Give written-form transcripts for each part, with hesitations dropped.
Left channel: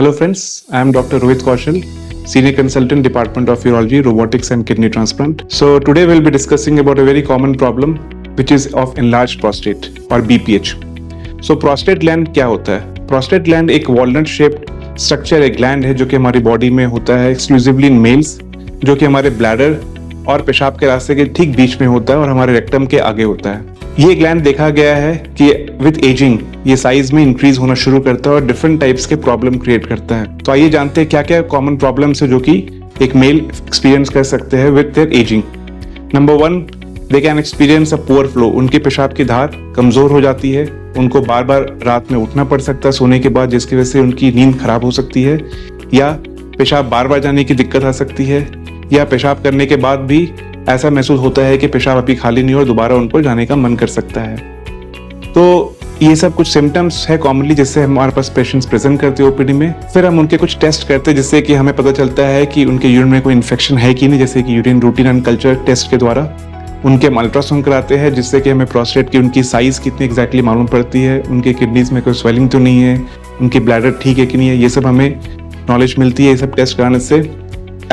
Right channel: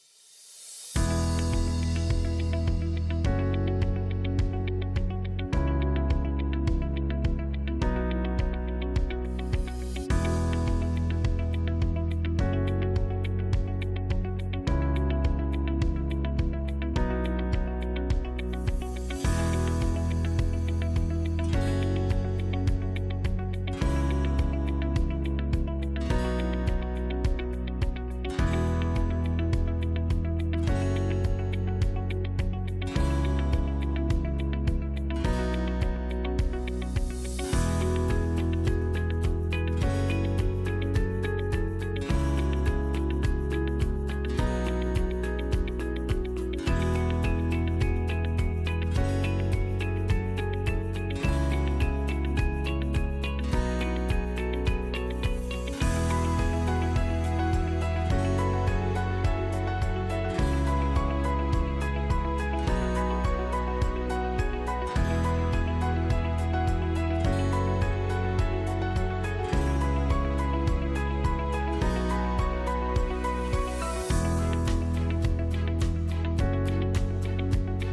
Hello friends, I am Dr. Rohit Kaushal, Senior Consultant, Department of Urology, Robotics and Kidney Transplant. So today we'll be discussing about a very common problem which is of enlarged prostate or BPH. So prostate gland क्या होता है? Prostate gland एक walnut shaped structure एक gland है जो कि हमारी body में होता है exclusively in males, जो कि हमारे bladder और पेशाब के रास्ते के ठीक बीच में होता है और हमारे रेक्टम के आगे होता है। ये ग्लैंड देखा गया है कि विद एजिंग ये साइज में इंक्रीज होना शुरू करता है और डिफरेंट टाइप्स के प्रॉब्लम क्रिएट करता है। तो आइए जानते हैं क्या क्या कॉमन प्रॉब्लम्स है जो कि एक मेल एक्सपीरियंस कर सकते हैं with their ageing. Number 1, they can experience a poor flow. उनके पेशाब की धार कमजोर हो जाती है, उनको बार बार रात में उठना पड़ सकता है सोने के बाद, जिसकी वजह से उनकी नींद खराब हो सकती है, या पेशाब बार बार जाने की दिक्कत आ सकती है, या पेशाब करने के बाद भी ऐसा महसूस होता है कि पेशाब अभी खाली नहीं और दोबारा उनको जाने का मन कर सकता है। तो ये सब कुछ सिम्टम्स है कॉमनली जिससे हमारे पास पेशेंट्स प्रेजेंट करते हैं ओपीडी में। फिर हम उनके कुछ टेस्ट करते हैं जिससे कि हमें पता चलता है कि उनके यूरिन में कोई इन्फेक्शन है कि नहीं, जैसे कि urine routine and culture test के द्वारा। उनके अल्ट्रासाउंड कराते हैं जिससे कि हमें प्रोस्टेट की उनकी साइज कितनी एग्जैक्टली मालूम पड़ती है, उनके किडनीज में कोई स्वेलिंग तो नहीं है, उनकी ब्लैडर ठीक है कि नहीं है, ये सब हमें नॉलेज मिलती है ये सब टेस्ट कराने से।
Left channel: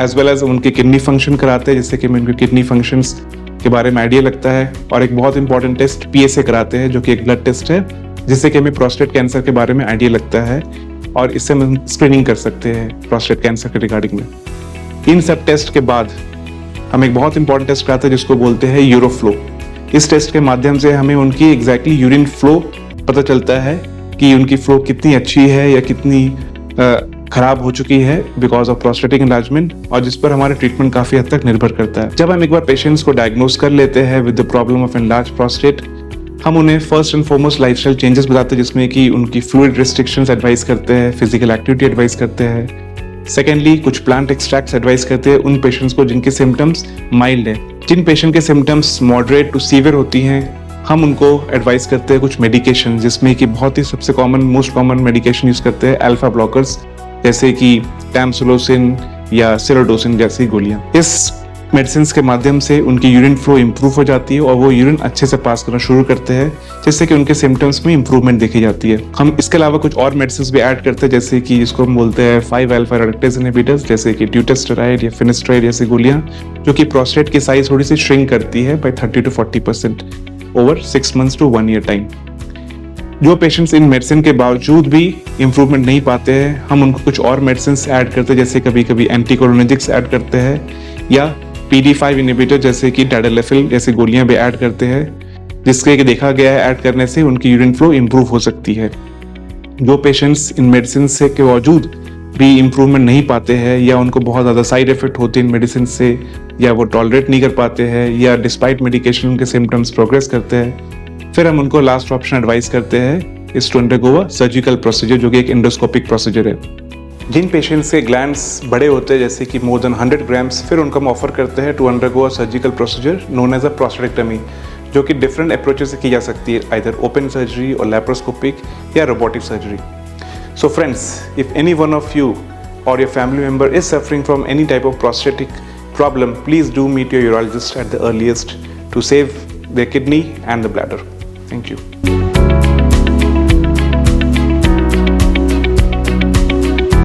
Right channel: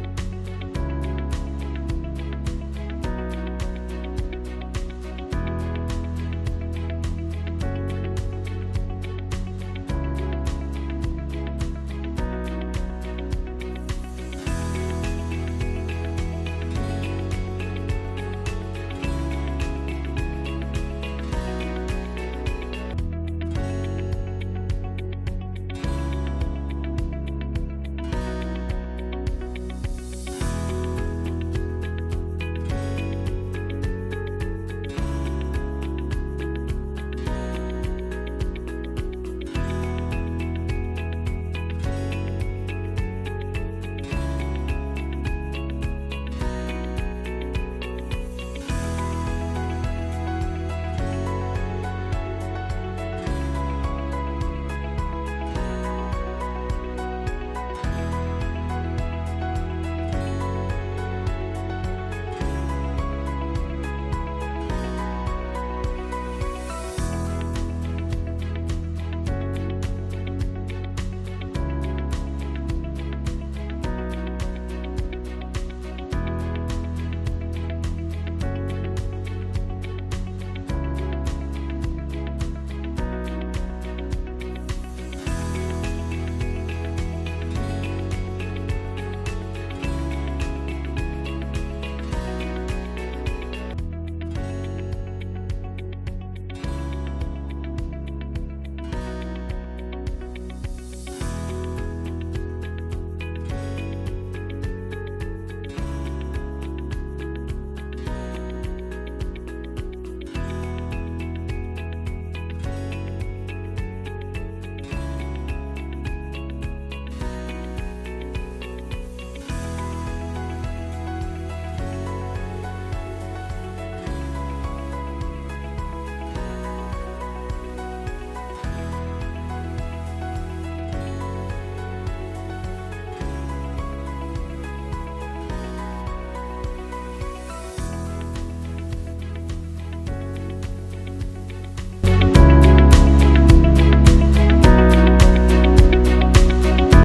एज वेल एज उनके किडनी फंक्शन कराते हैं जिससे कि हमें उनके किडनी फंक्शंस के बारे में आइडिया लगता है। और एक बहुत इंपॉर्टेंट टेस्ट PSA कराते हैं जो कि एक ब्लड टेस्ट है जिससे कि हमें प्रोस्टेट कैंसर के बारे में आइडिया लगता है और इससे हम स्क्रीनिंग कर सकते हैं प्रोस्टेट कैंसर के रिगार्डिंग में। इन सब टेस्ट के बाद हम एक बहुत इंपॉर्टेंट टेस्ट कराते हैं जिसको बोलते हैं यूरोफ्लो। इस टेस्ट के माध्यम से हमें उनकी एग्जैक्टली यूरिन फ्लो पता चलता है कि उनकी फ्लो कितनी अच्छी है या कितनी खराब हो चुकी है बिकॉज ऑफ प्रोस्टेटिक एनलार्जमेंट, और जिस पर हमारे ट्रीटमेंट काफी हद तक निर्भर करता है। जब हम एक बार पेशेंट्स को डायग्नोज कर लेते हैं with the problem of enlarge prostate, हम उन्हें first and foremost lifestyle changes बताते हैं जिसमें कि उनकी फ्लूइड रिस्ट्रिक्शंस एडवाइस करते हैं, फिजिकल एक्टिविटी एडवाइस करते हैं। सेकेंडली, कुछ प्लांट एक्सट्रैक्ट्स एडवाइस करते हैं उन पेशेंट्स को जिनके सिम्टम्स माइल्ड है। जिन पेशेंट के सिम्टम्स मॉडरेट टू सीवियर होती हैं, हम उनको एडवाइस करते हैं कुछ मेडिकेशन, जिसमें कि बहुत ही सबसे common most common medication use करते हैं अल्फा ब्लॉकर्स, जैसे कि टैमसुलोसिन या सेरोडोसिन जैसी गोलियां। इस मेडिसिन के माध्यम से उनकी यूरिन फ्लो इंप्रूव हो जाती है और वो यूरिन अच्छे से पास करना शुरू करते हैं जिससे कि उनके सिम्टम्स में इंप्रूवमेंट देखी जाती है। हम इसके अलावा कुछ और मेडिसिन भी ऐड करते हैं जैसे कि जिसको हम बोलते हैं 5-alpha reductase inhibitors, जैसे कि ट्यूटेस्टेराइड या फिनेस्ट्राइड जैसी गोलियां, जो कि प्रोस्टेट की साइज थोड़ी सी श्रिंक करती है by 30 to 40% over 6 months to 1 year time. जो पेशेंट्स इन मेडिसिन के बावजूद भी इंप्रूवमेंट नहीं पाते हैं, हम उनको कुछ और मेडिसिन ऐड करते हैं जैसे कभी कभी एंटीकोलिनर्जिक्स ऐड करते हैं या PD5 इनहिबिटर जैसे कि टैडलेफिल जैसी गोलियां भी ऐड करते हैं, जिसके कि देखा गया है ऐड करने से उनकी यूरिन फ्लो इंप्रूव हो सकती है। जो पेशेंट्स इन मेडिसिन से के बावजूद भी इंप्रूवमेंट नहीं पाते हैं या उनको बहुत ज़्यादा साइड इफेक्ट होते हैं इन मेडिसिन से, या वो टॉलरेट नहीं कर पाते हैं, या डिस्पाइट मेडिकेशन उनके सिम्टम्स प्रोग्रेस करते हैं, फिर हम उनको लास्ट ऑप्शन एडवाइस करते हैं is to undergo a surgical procedure जो कि एक एंडोस्कोपिक प्रोसीजर है। जिन पेशेंट्स के ग्लैंड्स बड़े होते हैं जैसे कि मोर देन 100 ग्राम्स, फिर उनको हम ऑफर करते हैं to undergo a surgical procedure known as a prostatectomy, जो कि डिफरेंट अप्रोचेस से की जा सकती है, आइदर ओपन सर्जरी और लैप्रोस्कोपिक या robotic surgery. So friends, if any one of you or your family member is suffering from any type of prostatic problem, please do meet your urologist at the earliest to save their kidney and the bladder. Thank you.